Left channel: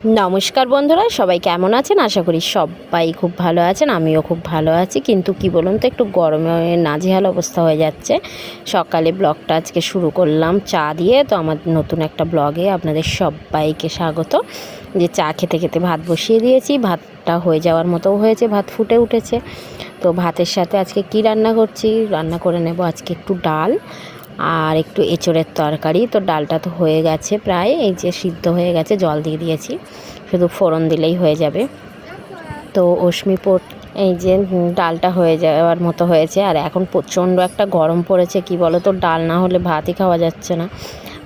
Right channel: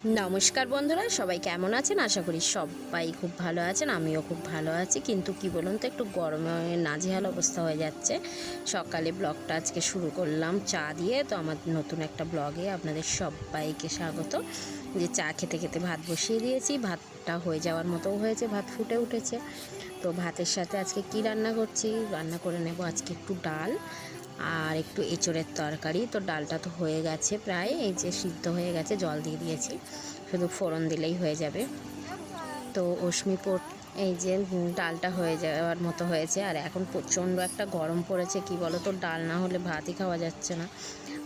নমস্কার বন্ধুরা, সবাই কেমন আছেন? আশা করি সবাই খুব ভালো আছেন, আমিও খুব ভালো আছি। কিন্তু কি বলুন তো, একটু গরমে নাজেহাল অবস্থা হয়ে যাচ্ছে। সকালে ব্লগটা আজকে শুরু করলাম চা দিয়ে। তো আমার নতুন একটা ব্লগে আপনাদের সবাইকে স্বাগত। যে চা খেতে খেতে ভাত বসিয়ে দিয়েছি। ভাতটা হয়ে যাওয়ার মতোও হয়েছে, ভাত ফুটে উঠেছে। তো ভাতের সাথে আজকে কি রান্না করছি? রান্না করে নেব আজকে একটু ডাল। আর একটু এঁচড়ের তরকারি। তো ডালটা তো হয়ে গেছে প্রায়, এই যে সিদ্ধ হয়ে গেছে, জল দিয়ে দিয়েছি। শুধু ফোড়ন দিলেই হয়ে যাবে। তো অশ্মিপোট এই যে ডালটা হয়ে যাওয়ার মতো হয়েছে। আর এখন প্রচণ্ড একটা গরম পড়েছে, কি বলো তো ডাল না হলে ভাতই খাওয়া যাচ্ছে না।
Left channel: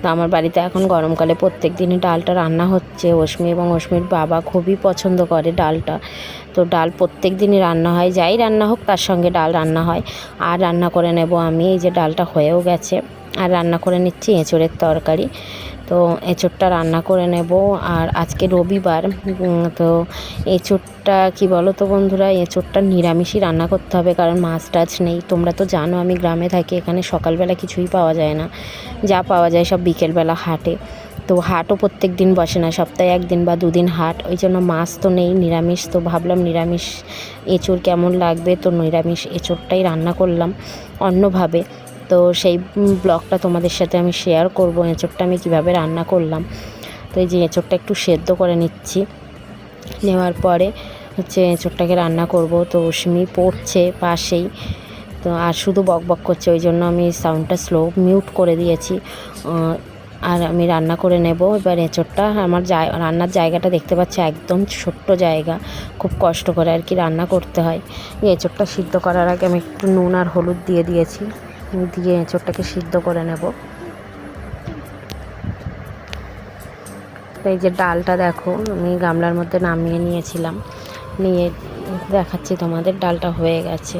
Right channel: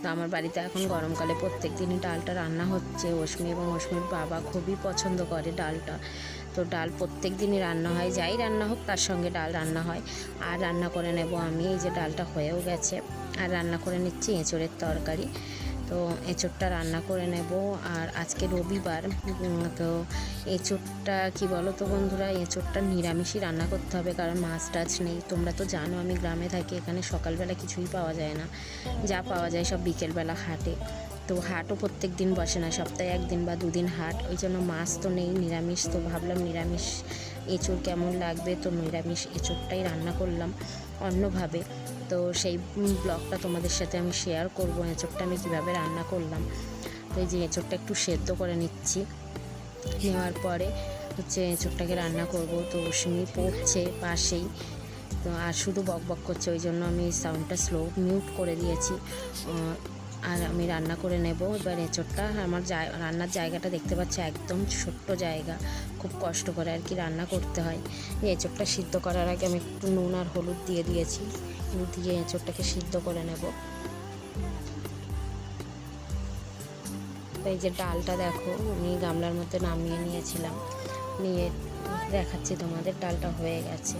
তো আমার বাড়িতে এখন গরমকালে প্রত্যেক দিনই ডালটা রান্না হচ্ছে। অশ্মি এবং অশ্মির বাবা খুবই পছন্দ করে ডালটা। তো ডাল প্রত্যেক দিনই রান্না হয়, যাই রান্না হোক তার সঙ্গে ডাল রান্না হয়। আর রান্না করে নেব আমি, এই যে ডালটা হয়েও গেছে। আর রান্না করে নিচ্ছি এঁচড়ের তরকারি। তো এঁচড়টা রান্না করে নেব। আর আজকে রবিবার তো এঁচড়টা কি বলো তো বন্ধুরা? এঁচড়টা নিরামিষই রান্না করতে হবে কারণ মাছ টাছ নেই। তোমরা তো জানো আমি গ্রামে থাকি, এখানে সকালবেলা কিছুই পাওয়া যায় না। যা পাওয়া যায় সব বিকেলবেলা হাটে। তো হাটও প্রত্যেক দিন বসে না, সপ্তাহে একদিন বা দুদিন হাট। ওই জন্য মাছ তো নেই, নিরামিষ তো ভাবলাম নিরামিষ এঁচড় কেমন লাগবে? তো নিরামিষ এঁচড়টাই রান্না করলাম অন্যভাবে। তো সেই ব্লগটা তোমাদের সাথে আমি শেয়ার করব, এঁচড়টা আমি কীভাবে রান্না করলাম। তো এই যে এঁচড়টা একটু সেদ্ধ করে নিচ্ছি। নেওয়ার পরে হচ্ছে এঁচড়টাকে রান্না করব, তো অশ্মি পড়ছে পাশেই। তো আর শুধু বক বক করছে, ওই জন্য আমি সাউন্ডটা স্লো মিউট করে দিয়েছি। আর আমি রান্না করে নেব। এবার এঁচড়টা আমার রান্নার জায়গাটা দেখতে পাচ্ছি, একদম ছোট্ট জায়গা। খুব কষ্ট করে আর কি রান্না করতে হয়। এঁচড়টা সিদ্ধ করার আগে আমি একটু নুন আর হলুদ দিয়ে দিয়েছি। দিয়ে এঁচড়টাকে সিদ্ধ করে নেব। এই যে ডালটা দেখো, আমি গামলার মধ্যে নামিয়ে নিয়েছিলাম। নিয়ে দেখাচ্ছি তোমাদের, ডালটা হয়ে গেছে।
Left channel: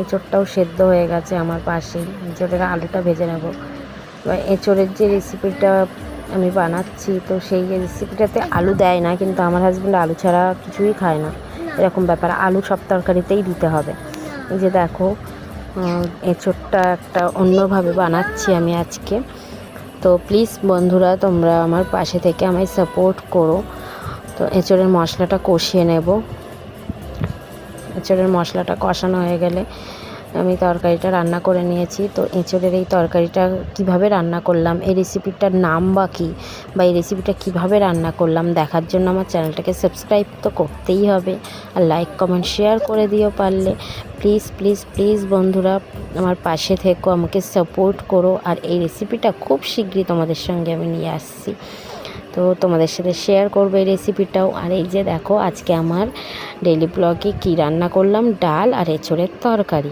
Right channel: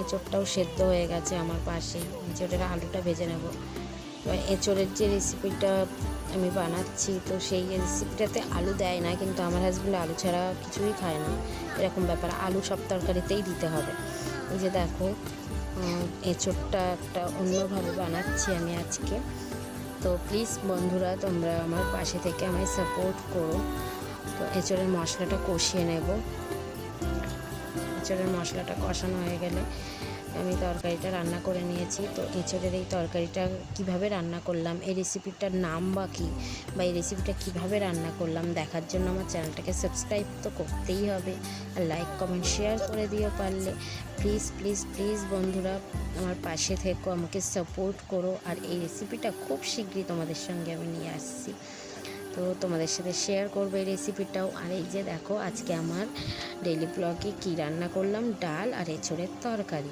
এঁচড়টাও সেদ্ধ হয়ে গেছে আমার পাশে। এঁচড়ের আলুটা ভেজে নেব। এবার এঁচড়ের যে রেসিপিটা আমি বানাচ্ছি, তো সেই রেসিপিটাতে আলু দেয় না, কিন্তু আমার হাজব্যান্ড আলু ছাড়া কিছুই খায় না। এরকম ব্যাপার, আলু সব তরকারিতেই দিতে হবে। এই যে দেখো এঁচোরটা একটা অন্যভাবে বানাচ্ছি আমি আজকে। তো প্লিজ বন্ধুরা, তোমরা আমার পাশে থেকে আমায় সাপোর্ট করো। তো এঁচোড়ের মশলাটা কষিয়ে নেব। এঁচোড়ের মশলাটা কষানো হয়ে গেলে আমি তরকারিটা রান্না করে নিয়েছি। তো এঁচড়ের এই তরকারিটা কীভাবে রান্না করলাম, এই রেসিপিটার নাম বা কী, বা এই রেসিপিটা কীভাবে রান্না করলাম, দেখার জন্য আমার চ্যানেলটাকে সাবস্ক্রাইব তো করতেই হবে। আর লাইক কমেন্ট শেয়ার করে দিও পারলে। প্লিজ প্লিজ প্লিজ বন্ধুরা, আমার পাশে থেকো, আমাকে সাপোর্ট করো। আর এই রেসিপিটা খুব শীঘ্রই তোমাদের সঙ্গে আমি নিয়ে আসছি। তো তোমাদের সাথে শেয়ার করব এই রেসিপিটাও আর এই যে দেখো, আজকে আমার ডেলি ব্লগে কী রান্না করলাম, ডাল আর এঁচড়ের তরকারি।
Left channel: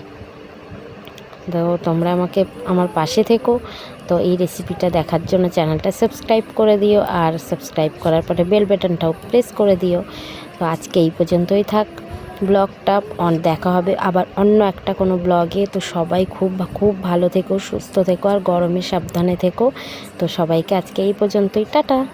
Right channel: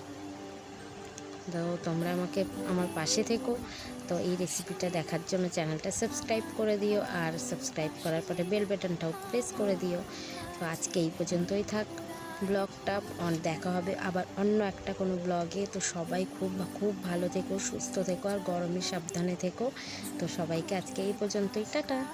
তো তোমরা আমাকে আমার পাশে থেকো। তো এই রেসিপিটা দেখার জন্য চ্যানেলটা সাবস্ক্রাইব করে দিও আর সাবস্ক্রাইব করার পরে বেল বাটনটাও প্রেস করে দিও। তো আজকে এই পর্যন্তই থাক। ব্লগটা অন দেখা হবে আবার অন্য একটা কোনো ব্লগে তো সবাই খুব খুব ভালো থেকো, সুস্থ থেকো আর গরমে সাবধানে থেকো। তো সবাইকে আজকে এই পর্যন্তই। টাটা!